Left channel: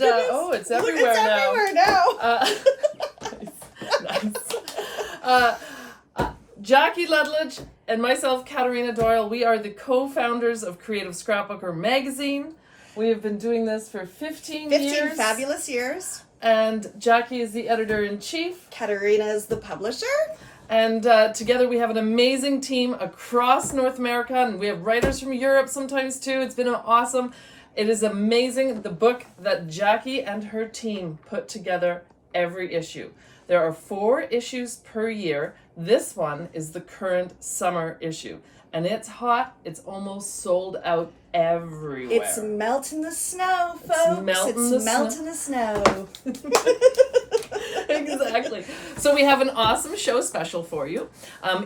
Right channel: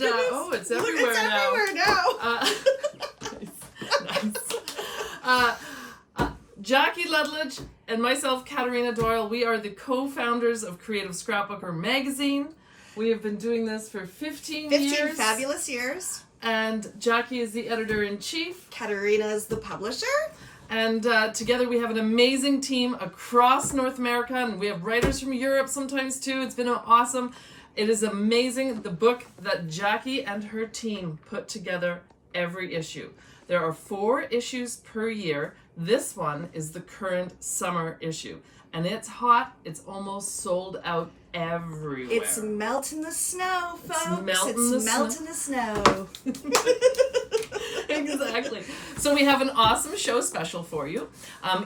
And it's everywhere now. It's everywhere now. Nice. Jackie Ludlage and myself, Katharina Doyle, we are the co-founders of Creative Scrapbooker Magazine. We have been doing this for 15 years. 15 fabulous years. And Jackie is the editor-in-chief. Katharina is the publisher. And together we have an amazing team across North America, and we have writers from Europe sometimes too. It's been awesome. It is amazing, the book that Jackie and her team put together every issue. There are 4 issues per year. This one is the current summer issue. And it's hot. It's almost sold out everywhere. It's melting the snow, folks. It's melting the snow. Exactly. So we have an awesome show special for you.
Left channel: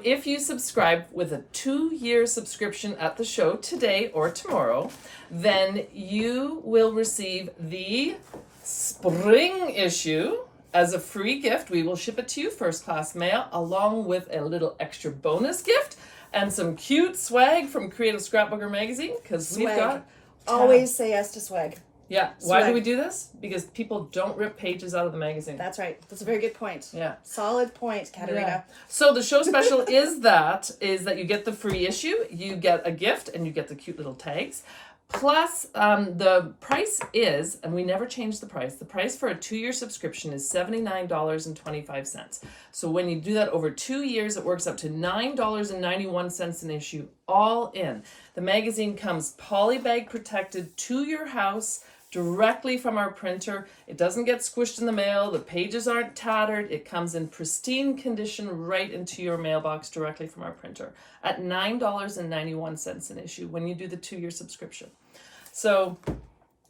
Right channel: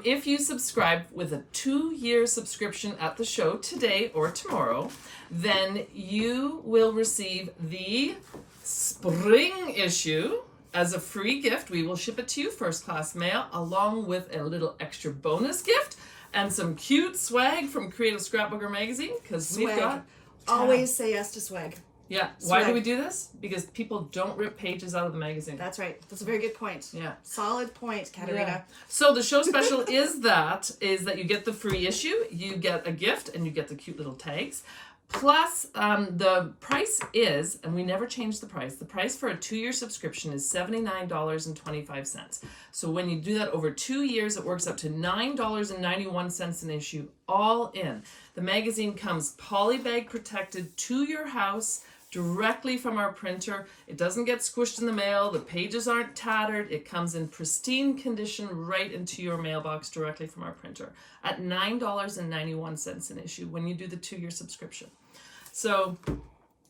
If you subscribe with a 2-year subscription at the show today or tomorrow, then you will receive the spring issue as a free gift. We will ship it to you first class mail, along with a little extra bonus gift and some cute swag from Creative Scrapbooker Magazine, because we've got always say yes to swag. Yeah. Why do we do this? Because people don't rip pages out of the magazine. That's right. That's a very good point. Yeah. Solid point, Katharina. Yeah. So the show special is that you get the free issue, you get a gift, and you get the cute little tags. Plus, the price is, and we never change the price for a 2-year subscription is $79.25. So when you do that over 2 years, it works up to $9.91 an issue, all in. The magazine comes polybag protected to your house, directly from our printer. It doesn't get squished in the mail. The pages aren't tattered. It comes in pristine condition right into your mailbox directly from our printer at $9.91 an issue when you do the 2-year subscription. So,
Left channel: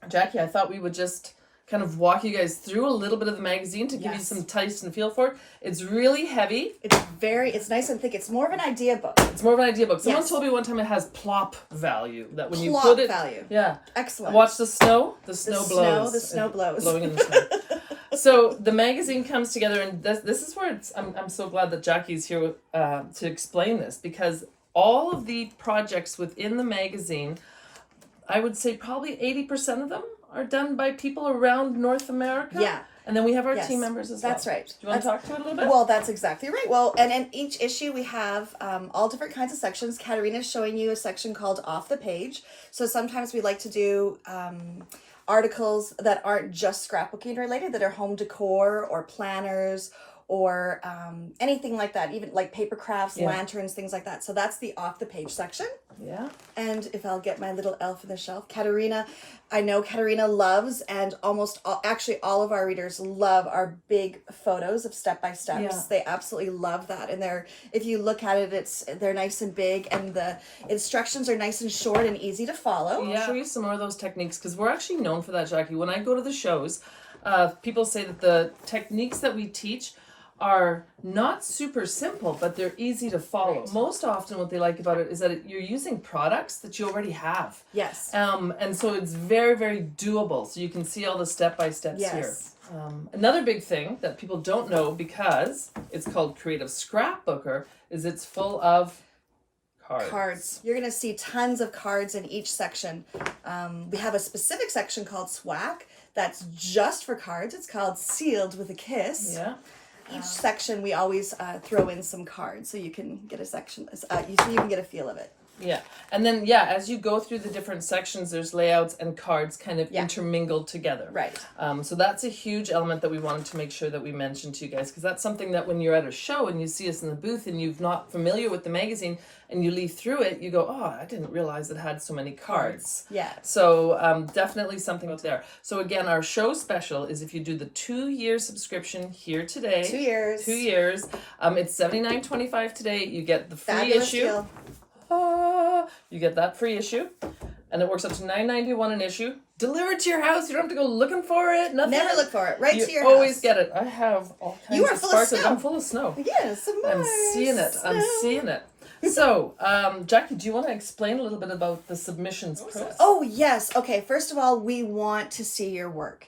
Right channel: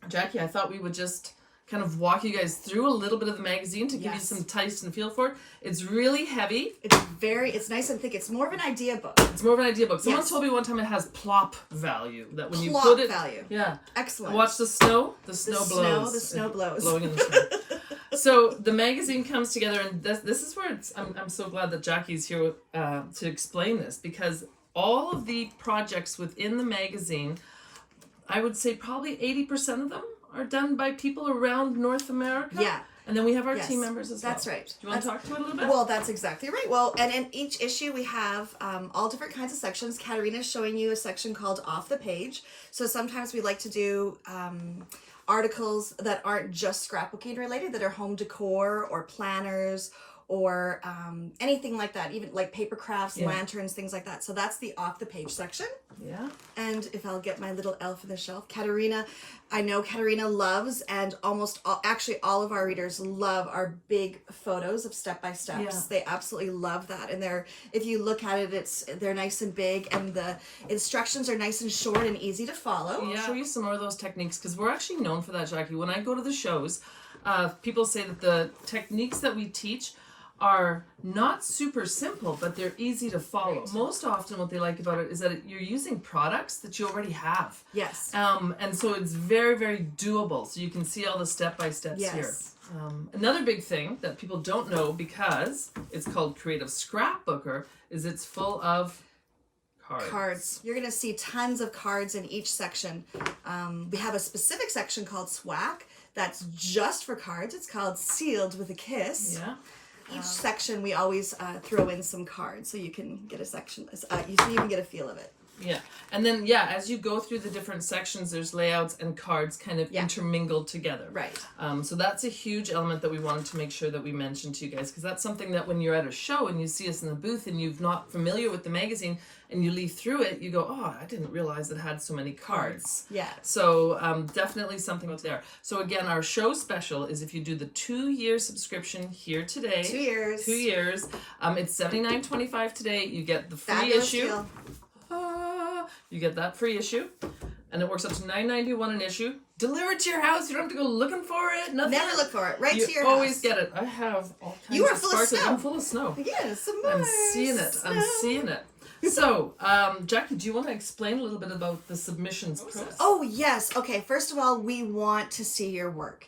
Jackie, I thought we would just kind of walk you guys through a little bit of the magazine to give you some taste and feel for it. It's really heavy. It's nice and thick. It's more of an idea book. It's more of an idea book. Someone told me one time it has plop value. That when you plop put it, value. Yeah. Excellent. Watch the snow. The snow blows. The snow blows. Blowing in the snow. So the magazine comes together, and this is where I'm so glad that Jackie's here to explain this, because all of the projects within the magazine, I would say probably 80% of them are done by people around North America. Yeah. And then we have our team members as well. That's right. Do you want to talk to it a little bit? Well, that's exactly right. Well, and in each issue we have all different kinds of sections. Katharina's showing you a section called Off the Page. So sometimes we like to do articles that aren't just scrapbooking related, that are home decor or planners or anything like that, even like paper crafts, lanterns, things like that. So that's the Off the Page section. Yeah. And if I'll get my little elf in the shelf, Katharina, I know Katharina loves, and actually all of our readers love our big photos of step-by-steps. Yeah. They absolutely love that. And if you look at it, they're nice and big, and the instructions are nice and short and easy to follow. Yeah. I'll show you some more of those techniques, because we're actually known for that, Jackie. When I go to the shows, people say that the techniques that we teach are not super simple, but they're easy to follow. Right. Most often what they like about it is that you're using products that you already have. Yes. And so it's very, very doable. So you can see all the step-by-steps here. Another big thing that people don't know, because it's called Creative Scrapbooker, is it's full of cards. You're going to see tons of cards in each section. We have a specific section called Swag that's just for cards. It's called Sealed with a Kiss. Yeah. Each section we always throw in some cards, so you can get a section, so you can get a feel of it. Yeah. And then, as you go through the different sections, there's layouts and cards kind of intermingled together. Right. So that's a huge element that we wanted to make sure that we mentioned to you guys, because that's something that when you're at a show and you see us in the booth and you're not familiar with the magazine and you leaf through it, you go, oh, I didn't realize it had so many cards. Yeah. So definitely something out there. So again, our show special is if you do the 2-year subscription here today. 2 years. 2 years. It's $79.25 today. You get the free Fabulous issue. Deal. You get that free issue, and it works up to $9.91 an issue. Delivered to your house. You don't have to go looking for it. Nothing. Never look for it. Right to your house. You always house. Get it. I have all kinds you are of full sparkles. of snow. I'm full of snow. Yes, I'm seeing it. Snow. I'm seeing it. So, Jackie, do you want to explain a little bit about the submissions process? Oh, yes. Okay, first of all, we want to see your work.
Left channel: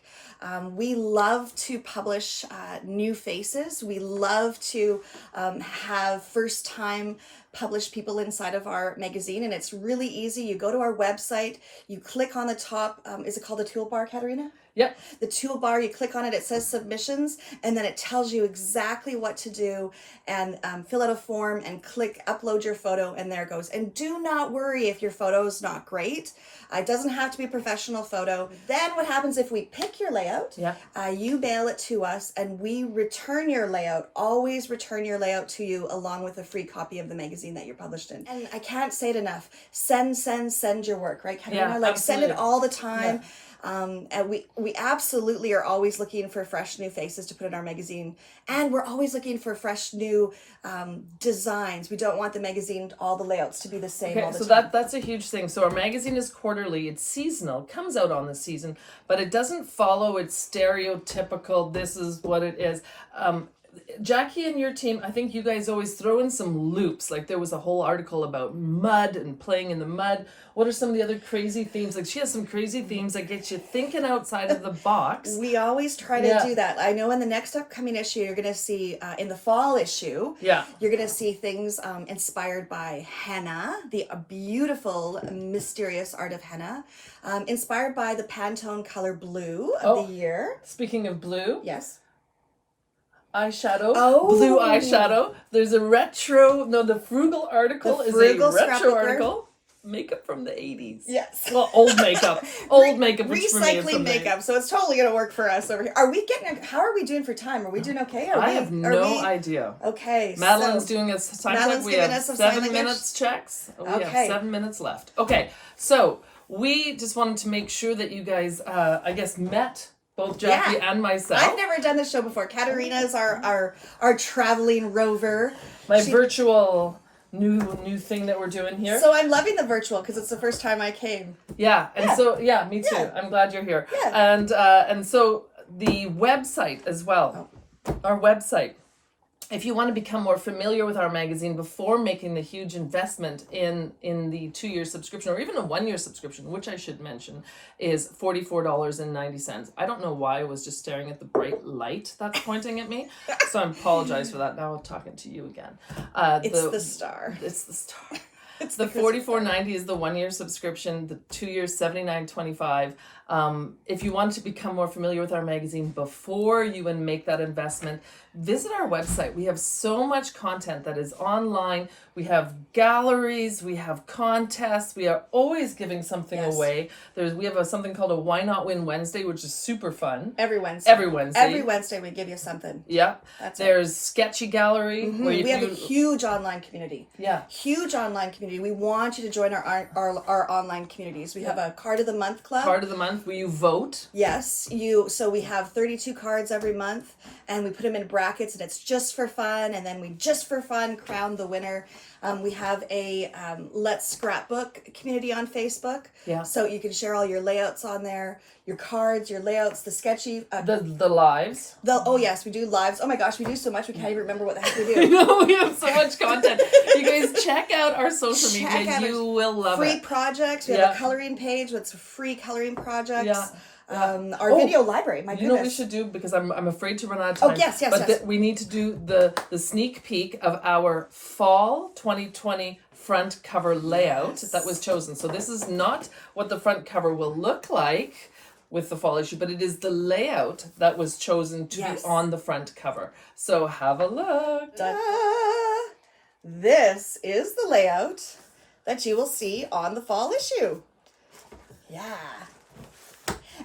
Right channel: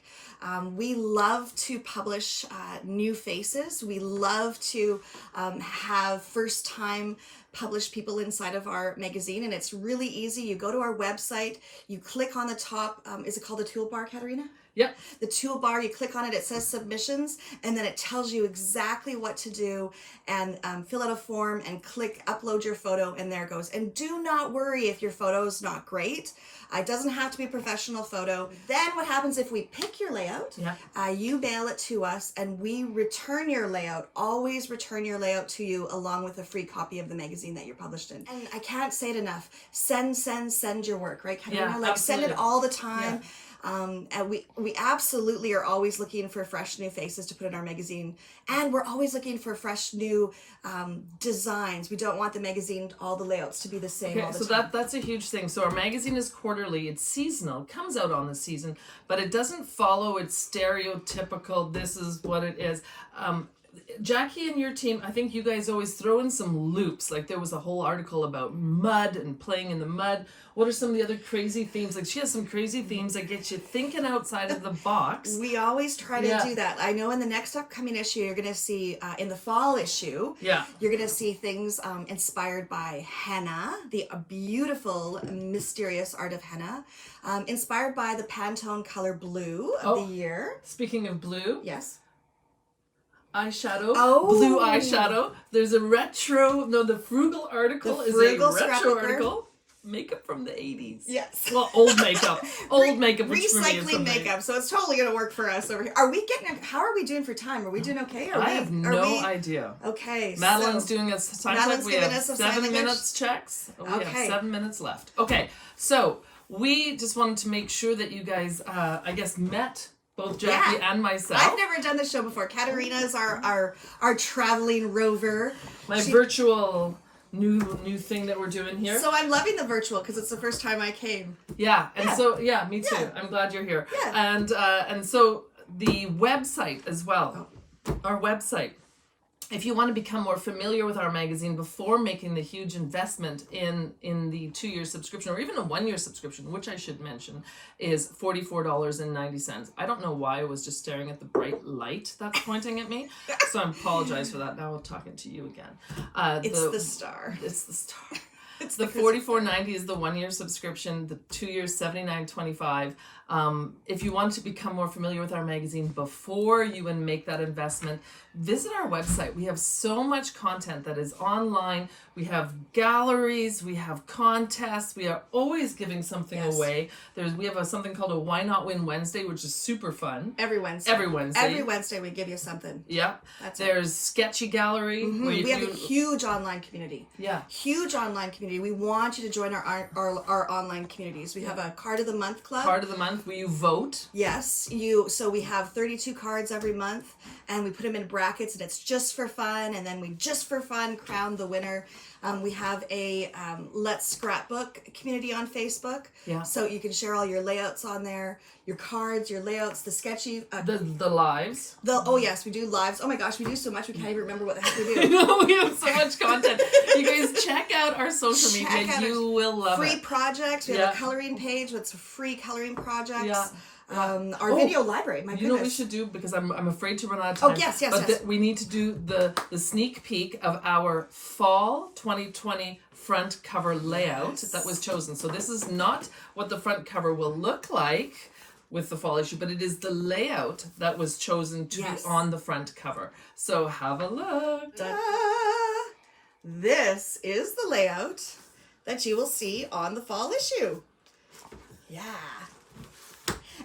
We love to publish new faces. We love to have first-time published people inside of our magazine, and it's really easy. You go to our website, you click on the top, is it called the toolbar, Katharina? Yep. The toolbar, you click on it, it says submissions, and then it tells you exactly what to do, and fill out a form and click upload your photo, and there it goes. And do not worry if your photo is not great. It doesn't have to be a professional photo. Then what happens if we pick your layout? Yeah. You mail it to us, and we return your layout. Always return your layout to you along with a free copy of the magazine that you're published in. And I can't say it enough. Send your work, right, Katharina? Yeah, like absolutely. send it all the time. Yeah. And we absolutely are always looking for fresh new faces to put in our magazine, and we're always looking for fresh new designs. We don't want the magazine, all the layouts to be the same all the time. So that's a huge thing. So our magazine is quarterly, it's seasonal, it comes out on the season, but it doesn't follow its stereotypical, this is what it is. Jackie and your team, I think you guys always throw in some loops. Like there was a whole article about mud and playing in the mud. What are some of the other crazy themes? Like she has some crazy themes that get you thinking outside of the box. We always try to do that. I know in the next upcoming issue, you're going to see, in the fall issue, you're going to see things inspired by henna, the beautiful, mysterious art of henna, inspired by the Pantone color blue of the year. Speaking of blue. Yes. Eyeshadow, blue eyeshadow. There's a the frugal article is a retro article. Makeup from the 80s. Yes. Well, old makeup. Old makeup. Recycling makeup. So it's totally going to work for us over here. How are we doing for time? Are we doing okay? I have no idea. Okay. Madeline's doing a time check. We have 7 minutes checks. We have 7 minutes left. Okay. So we just wanted to make sure that you guys, I guess, met both Jackie and myself. I've never done this show before. Katharina is our traveling rover. My virtual new thing that we're doing here. So I'm loving the virtual because it's the first time I came. Yeah, and so me too. Yeah. I'm glad you're here. Yeah. And so the website as well. Our website. If you want to become more familiar with our magazine before making the huge investment in the 2-year subscription or even a 1-year subscription, which I should mention, is $44.90. I don't know why I was just staring at the bright light that's pointing at me, so I apologize for that. Now I'm talking to you again. It's the star. It's the star. The $44.90 is the 1-year subscription. The 2 years $79.25. If you want to become more familiar with our magazine before you make that investment, visit our website. We have so much content that is online. We have galleries. We have contests. We are always giving something away. We have something called a Why Not Win Wednesday, which is super fun. Every Wednesday. Every Wednesday we give you something. Yeah. There's Sketchy Gallery. Where we have a huge online community. Yeah. Huge online community. We want you to join our online communities. We have a Card of the Month club. Card of the Month where you vote. Yes. So we have 32 cards every month, and we put them in brackets, and it's just for fun, and then we just for fun crown the winner. We have a Let's Scrapbook community on Facebook. Yeah. So you can share all your layouts on there, your cards, your layouts, the sketchy. The lives. Yes, we do lives. Oh my gosh, we do so much we can't even remember what the heck we do. No, we have so much content. You guys check out our social media. You will love free it. projects. We have a coloring page with free coloring projects. Yeah. Our video library. My goodness. You know what we should do, because I'm afraid to run out of time. Oh yes. We need to do the sneak peek of our fall 2020 front cover layout that was chosen. So this is not what the front cover will look like with the fall issue, but it is the layout that was chosen to be on the front cover. So have a look. This is the layout that you will see on the fall issue. Yeah.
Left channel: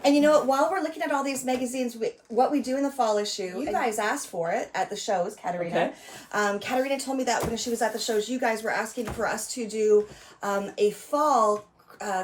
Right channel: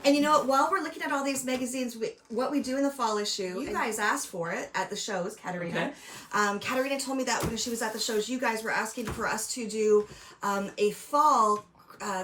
And you know what? While we're looking at all these magazines, what we do in the fall issue, you guys asked for it at the shows, Katharina. Okay. Katharina told me that when she was at the shows, you guys were asking for us to do a fall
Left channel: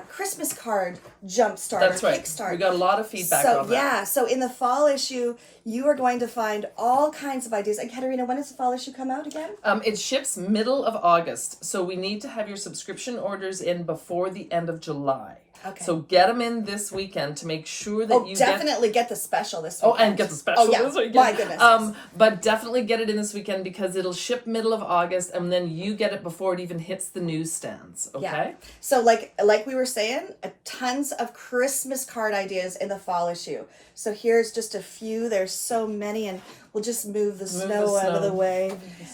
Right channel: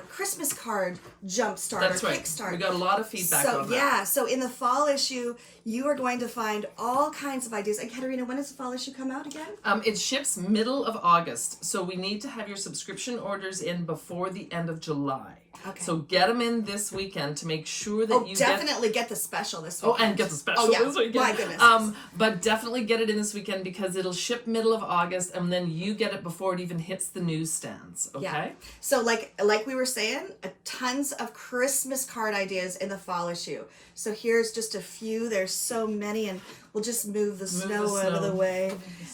Christmas card jumpstart. That's or right. Kickstart. We got a lot of feedback on that. Yeah, so in the fall issue, you are going to find all kinds of ideas. And Katharina, when does the fall issue come out again? It ships middle of August, so we need to have your subscription orders in before the end of July. Okay. So get them in this weekend to make sure that you definitely get the special this weekend. Oh, and get the special this weekend. My goodness. But definitely get it in this weekend because it'll ship middle of August, and then you get it before it even hits the newsstands. Okay. Yeah. So like we were saying, tons of Christmas card ideas in the fall issue. So here's just a few. There's so many, and We'll just move the snow out of the way.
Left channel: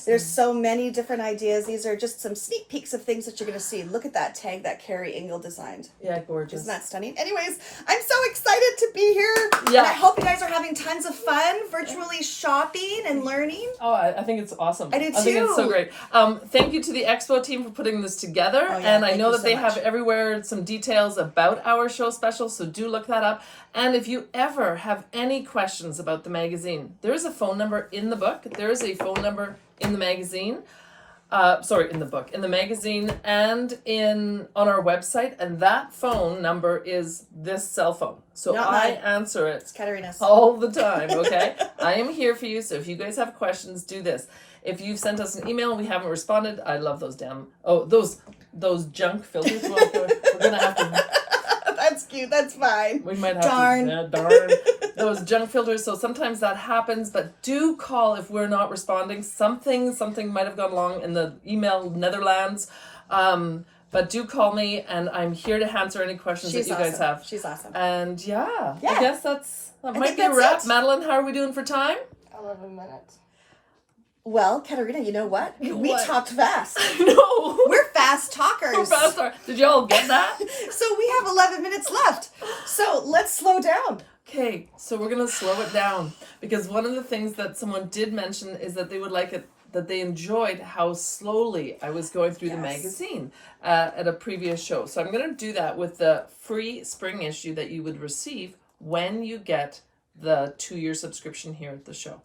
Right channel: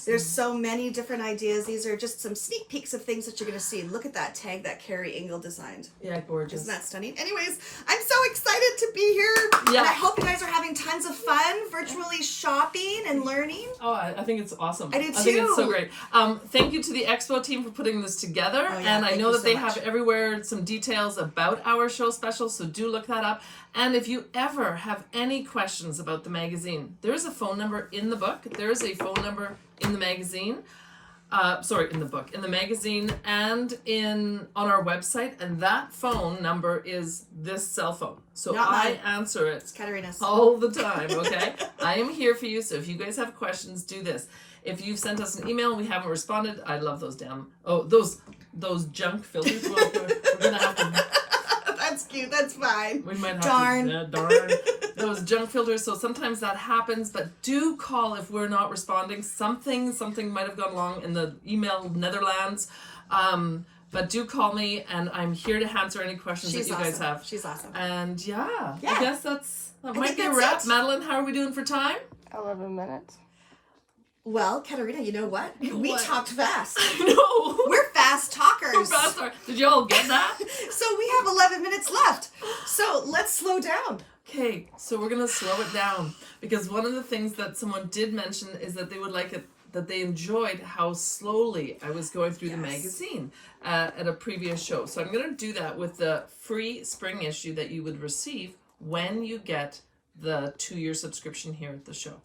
There's so many different ideas. These are just some sneak peeks of things that you're going to see. Look at that tag that Carrie Engel designed. Yeah, gorgeous. Isn't that stunning? Anyways, I'm so excited to be here. Yeah. And I hope you guys are having tons of fun virtually shopping and learning. Oh, I think it's awesome. I do too. I think it's so great. Thank you to the Expo team for putting this together. Oh, yeah, and I know that they much. have everywhere some details about our show special, so do look that up. And if you ever have any questions about the magazine, there's a phone number in the book. There's a phone number in the magazine. In the book, in the magazine, and on our website. And that phone number is this cell phone. So Not I mine. answer it It's Katharina's. all the time, okay? I am here for you, so if you guys have questions, do this. If you've sent us an email and we haven't responded, I love those those junk filters. We're gonna have to. That's cute. That's fine. We might have Darn. to. Darn. Those junk filters. So sometimes that happens, but do call if we're not responding. Something might have gone wrong in the email Netherlands. But do call me, and I'm here to answer any questions that you guys have. She's awesome. And I guess that might think be a that's wrap. it. Madeline, how are we doing for time? 11 minutes. Well, Katharina, you know what? We What? talked fast. No. We're fast talkers. We're faster. Did y'all get that? So we have 11 minutes left. So let's slow down. Okay, so we're gonna slow it down because one of the things that someone did mention is that they would like it, that they enjoyed how slowly I was going through the magazine at a previous show. So I'm gonna do that with the free spring issue that you would receive when you get the 2-year subscription here at the show.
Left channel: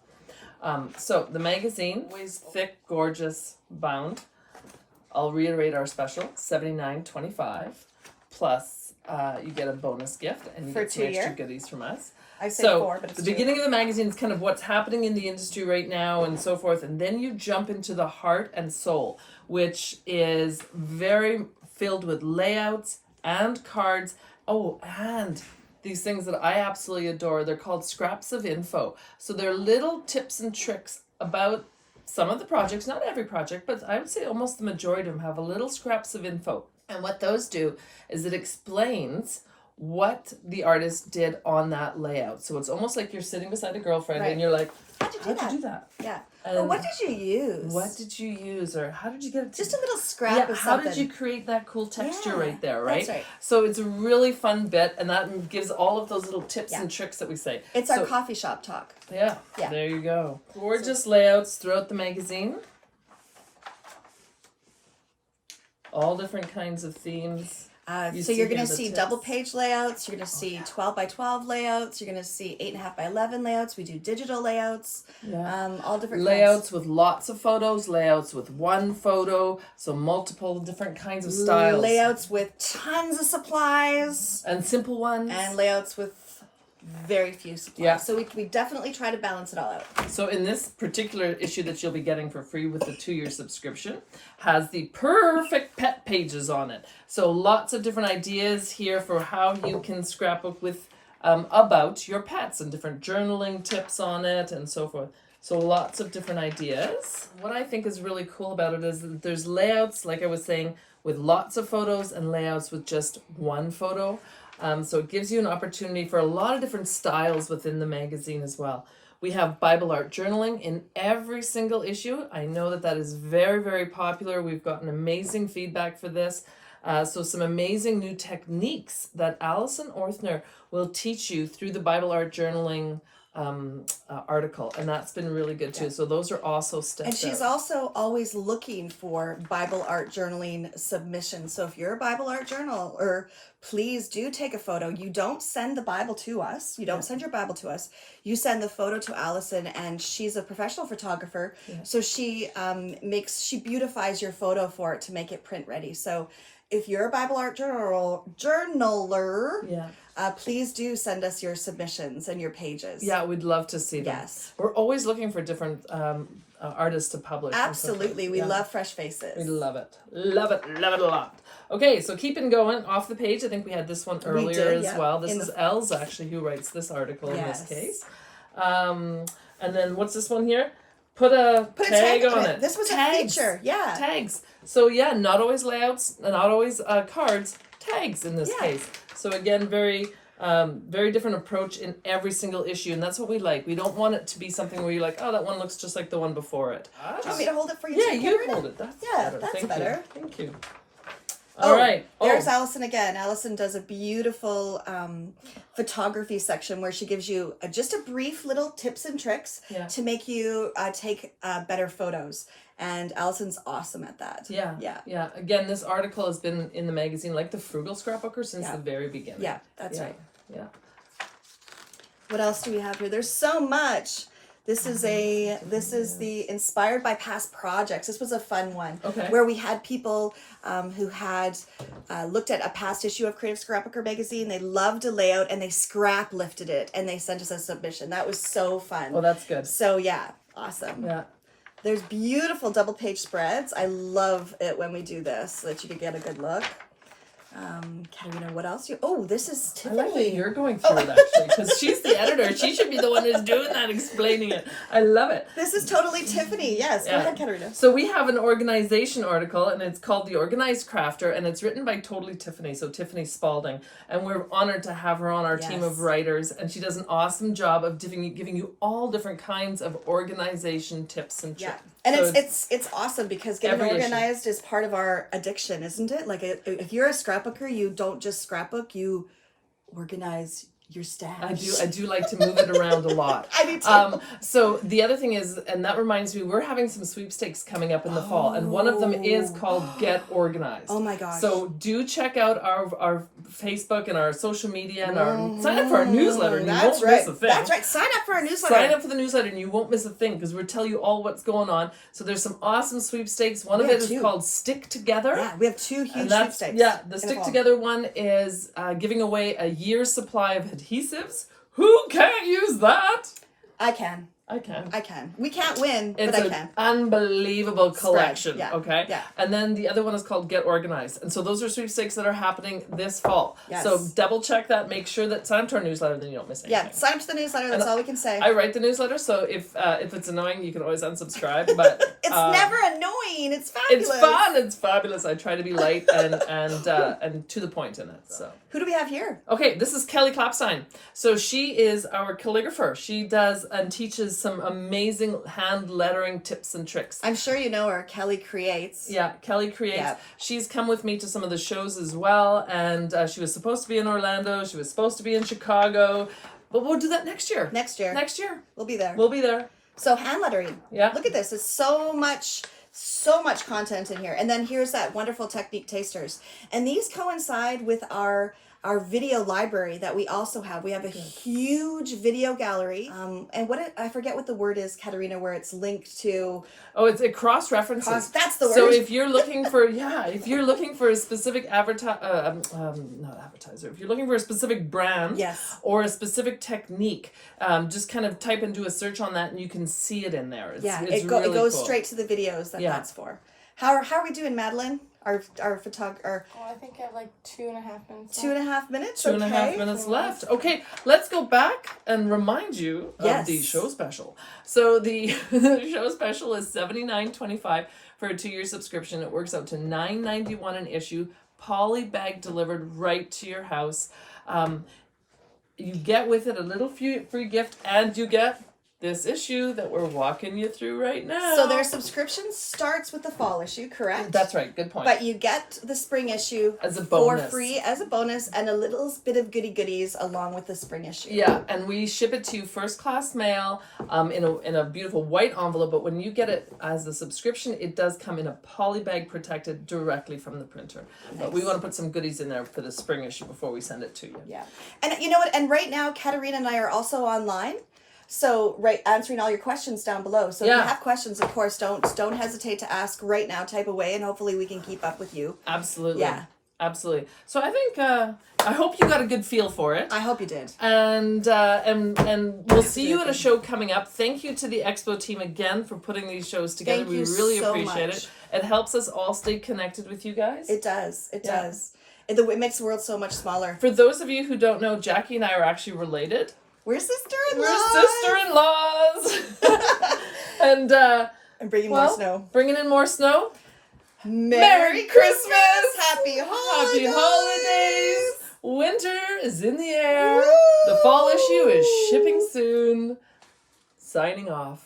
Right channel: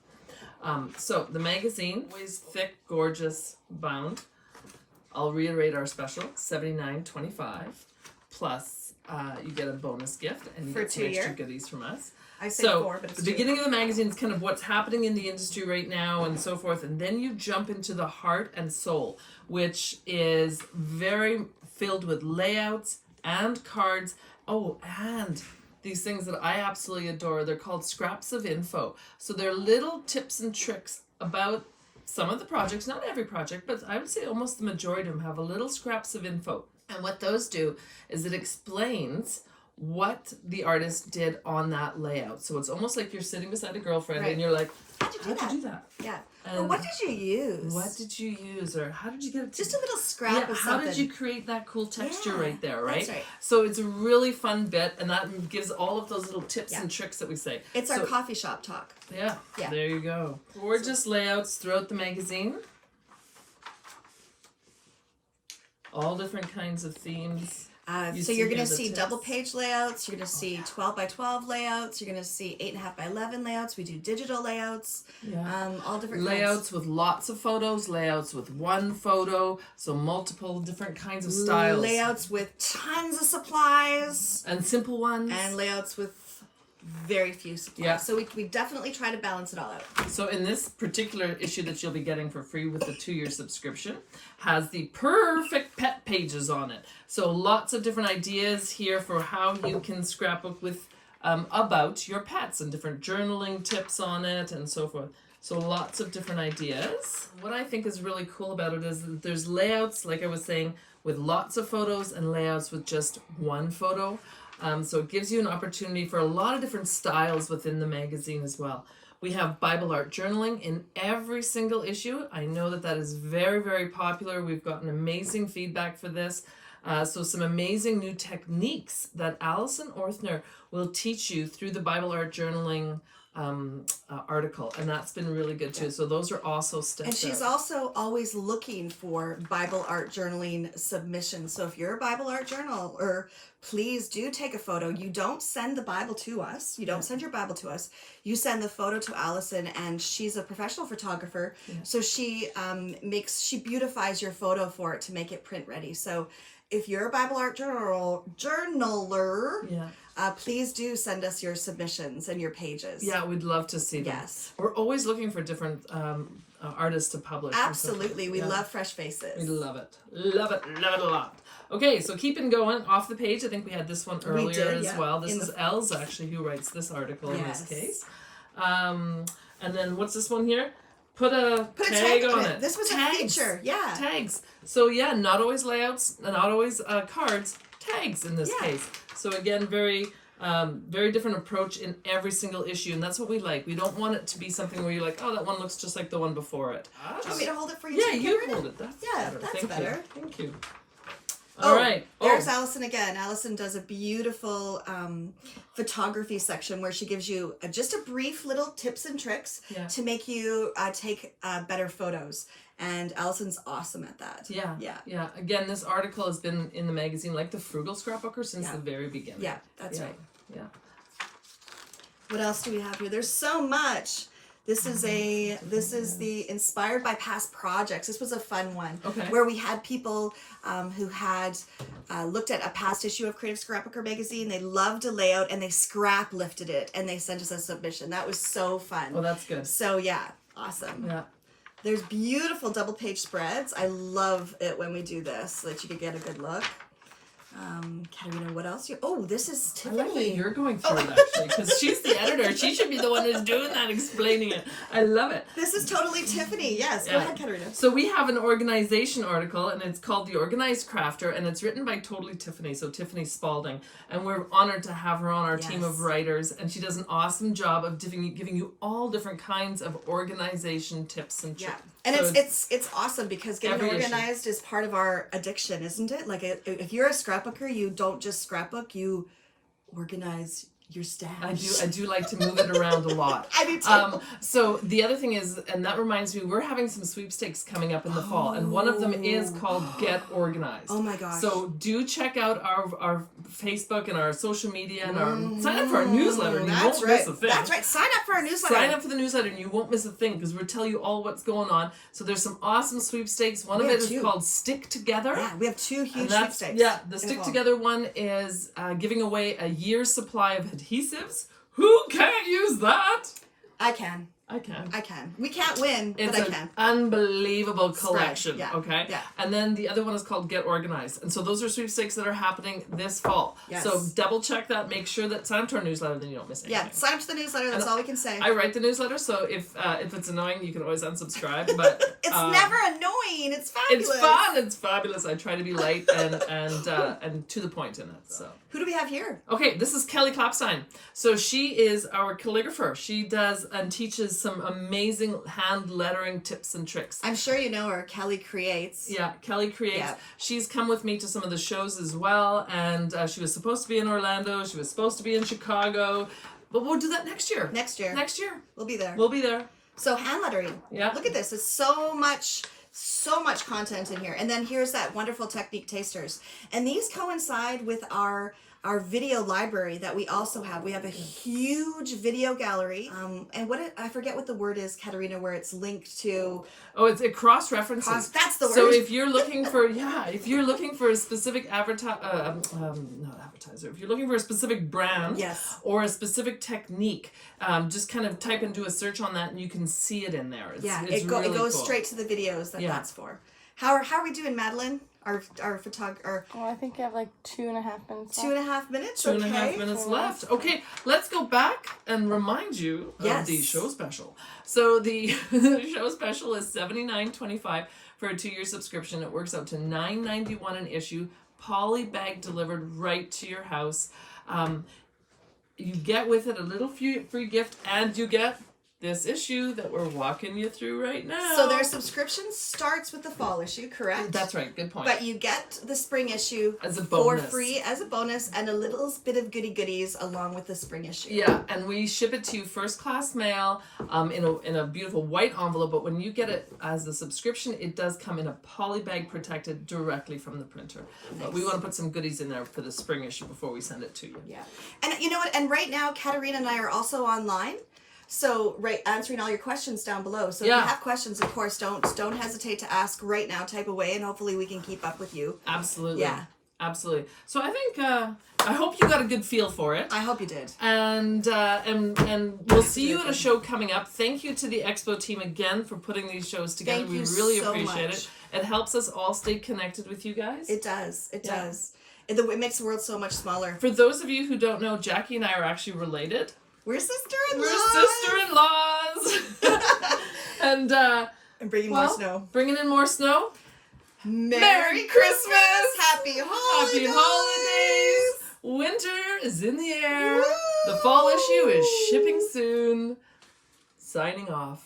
So the magazine, always thick, gorgeous bound. I'll reiterate our special, $79.25 plus you get a bonus gift and you For get some 2 year? extra goodies from us. I say So 4, but it's the 2. beginning of the magazine is kind of what's happening in the industry right now and so forth, and then you jump into the heart and soul, which is very filled with layouts and cards. Oh, and these things that I absolutely adore. They're called scraps of info. So they're little tips and tricks about some of the projects, not every project, but I would say almost the majority of them have a little scraps of info. And what those do is it explains what the artist did on that layout. So it's almost like you're sitting beside a girlfriend and you're like, How'd you do that? Yeah. Or what did you use? What did you use? Or how did you get it to... Just a little scrap of how something. did you create that cool texture Yeah, right there, right? that's right. So it's a really fun bit, and that gives all of those little tips and tricks that we say. It's So- our coffee shop talk. Yeah, Yeah. there you go. Gorgeous layouts throughout the magazine. All different kinds of themes. You So see you're going here to the see tips. double page layouts. You're going to see 12 by 12 layouts. You're going to see 8.5 by 11 layouts. We do digital layouts. Yeah. All different Layouts with lots of photos, layouts with one photo, so multiple different kinds of styles. Layouts with tons of supplies. And simple ones. And layouts with very few supplies. Yeah. So we definitely try to balance it all out. So in this particular issue that you'll be getting for free with the 2-year subscription has the perfect pet pages on it. So lots of different ideas here for how you can scrapbook with about your pets and different journaling tips on it and so forth. So lots of different ideas. What I think is really cool about it is that there's layouts, like I was saying, with lots of photos and layouts with just one photo. So it gives you an opportunity for a lot of different styles within the magazine as well. We have Bible art journaling in every single issue. I know that that is very, very popular. We've gotten amazing feedback for this. So some amazing new techniques that Alison Orthner will teach you through the Bible art journaling article, and that's been really good too. So those are also steps. And she's also always looking for Bible art journaling submissions. So if you're a Bible art journaler, please do take a photo. You don't send the Bible to us. You don't send your Bible to us. You send the photo to Alison, and she's a professional photographer. Yeah. So she beautifies your photo for it to make it print ready. So if you're a Bible art journaler, please do send us your submissions and your pages. Yeah, we'd love to see them. Yes. We're always looking for different artists to publish. Absolutely. We love fresh faces. We love it. Love it. Love it a lot. Okay, so keeping going off the page. I think we had this one earlier as well. This is Els actually who writes this article in this case. And then what's this one here? Put a tag on it. This was tags. a feature. Yeah. Tags. So yeah, not always layouts, not always cards, tags in this case. So again, very very different approach in every single issue, and that's what we like. We don't want it to be something where you're like, oh, that one looks just like the one before it. Do you want me to hold it for you? Yeah, too, you Katharina? hold it. That's better. That's Thank better. You. Thank you. All right. There's Allison again. Allison does a beautiful photography section where she gives you just a brief little tips and tricks to make you take better photos. And Allison's awesome at that. Yeah. Again, this article has been in the magazine, like the Frugal Scrapbooker, since the very beginning. Yeah, that's right. Yeah. What else do we have here? There's so much. This is the inspired by past projects. This was a fun one where we had people who had looked at a past issue of Creative Scrapbooker Magazine. They loved a layout and they scrap lifted it and they sent us a submission. That was so fun. Oh, that's good. So yeah, awesome. Yeah. There's beautiful double page spreads. I love it when we do this so that you can get a good look. Katharina, what else? This is Tiffany. I like that you're going through it, actually, because she's the editor. She should be the one who's doing that, explaining it. I love it. This is totally Tiffany. Yes, go ahead, Katharina. So we have an organization article, and it's called The Organized Crafter, and it's written by Totally Tiffany, so Tiffany Spalding. And we're honored to have her on our team of writers, and she does an awesome job of giving you all different kinds of organization tips and tricks. Yeah. And so it's awesome because getting organized is part of our addiction, isn't it? Like if you're a scrapbooker, you don't just scrapbook, you organize your stash. I do like to move it around a lot. I do too. So the other thing is, and that reminds me, we're having some sweepstakes coming up in the fall, and one of them is called Get Organized. Oh my gosh. So do check out our Facebook and our social media and sign up for our newsletter and you won't miss a thing. That's right. Sign up for our newsletter. Sign up for the newsletter and you won't miss a thing because we'll tell you all what's going on. So there's some awesome sweepstakes. One of it is called Stick Together. Yeah, we have 2 huge sweepstakes. Yeah, the Stick Together one is giving away a year's supply of adhesives. Who can't use that? I can. We can't win, but I can. It's an unbelievable collection, Yeah. okay? Yeah. And then the other one is called Get Organized. And so those are sweepstakes that are happening this fall. Yes. So double check that. Make sure that sign up to our newsletter, then you don't miss anything. Yeah, sign up to the newsletter. That's all we can say. I write the newsletter, so if it's annoying, you can always unsubscribe. But it's never annoying. It's fabulous. It's fun. It's fabulous. I try to be light and to the point in it. So who do we have here? Okay, this is Kelly Klapstein. So she is our calligrapher. She does and teaches some amazing hand lettering tips and tricks. I'm sure you know her. Kelly Creates. Yeah, Kelly Creates. Yeah. She's come with me to some of the shows as well, and she was supposed to be in Orlando. She was supposed to be in Chicago, but we'll do that next year. Next year. We'll be there. So hand lettering. Yeah. Look at this. It's so much content in here. And then here's that wonderful technique tasters. And these coincide with our video library that we also have. We have a huge video gallery. And I forget what the word is, Katharina, where it's linked to. Oh, it cross references. That's the word. So if you're looking for a specific not advertiser, if you're looking for a specific brand or a specific technique, just kind of type and do a search on that and you can see it in there. It goes straight to the videos that's for. How are we doing, Madeline? Our photographer. Well, I think you have like 2.5 minutes. 2.5 minutes. 2.5 minutes left. Okay, let's go back and remind you of the show special. So the show special is $79.25 for a 2-year subscription. It works out to $9.91 an issue, poly bag delivered right to your house. You get with it a little free gift, and you get this issue that we're walking you through right now. So their subscription starts with the fall issue, correct? That's right. Good point. But you get the spring issue as a bonus. For free as a bonus and a little bit of goodies along with the spring issue. Yeah, and we ship it to you first class mail in a beautiful white envelope. But when you get it as a subscription, it does come in a poly bag protected directly from the printer. Nice. But we want to put some goodies in there for the spring issue before we send it to you. Yeah, and you know what? And right now, Katharina and I are also online. So, answering all your questions down below. So if you have questions, of course, don't hesitate to ask right now. Type away, and hopefully we can keep up with you. Absolutely. Yeah. Absolutely. So I think I hope you got a good feel for it. I hope you did. And we'll see you at a show coming up. Thank you to the Expo team again for putting these shows together. We really appreciate it. It helps us all stay connected with you guys. It does. It does. It makes the world so much smaller. For those of you who don't know, Jackie and I are actually related. We're sister-in-laws. And bringing more snow. Bringing in more snow. Merry Christmas. Happy holidays. Winter is in the air. The fall issue is shipping soon. Signing off.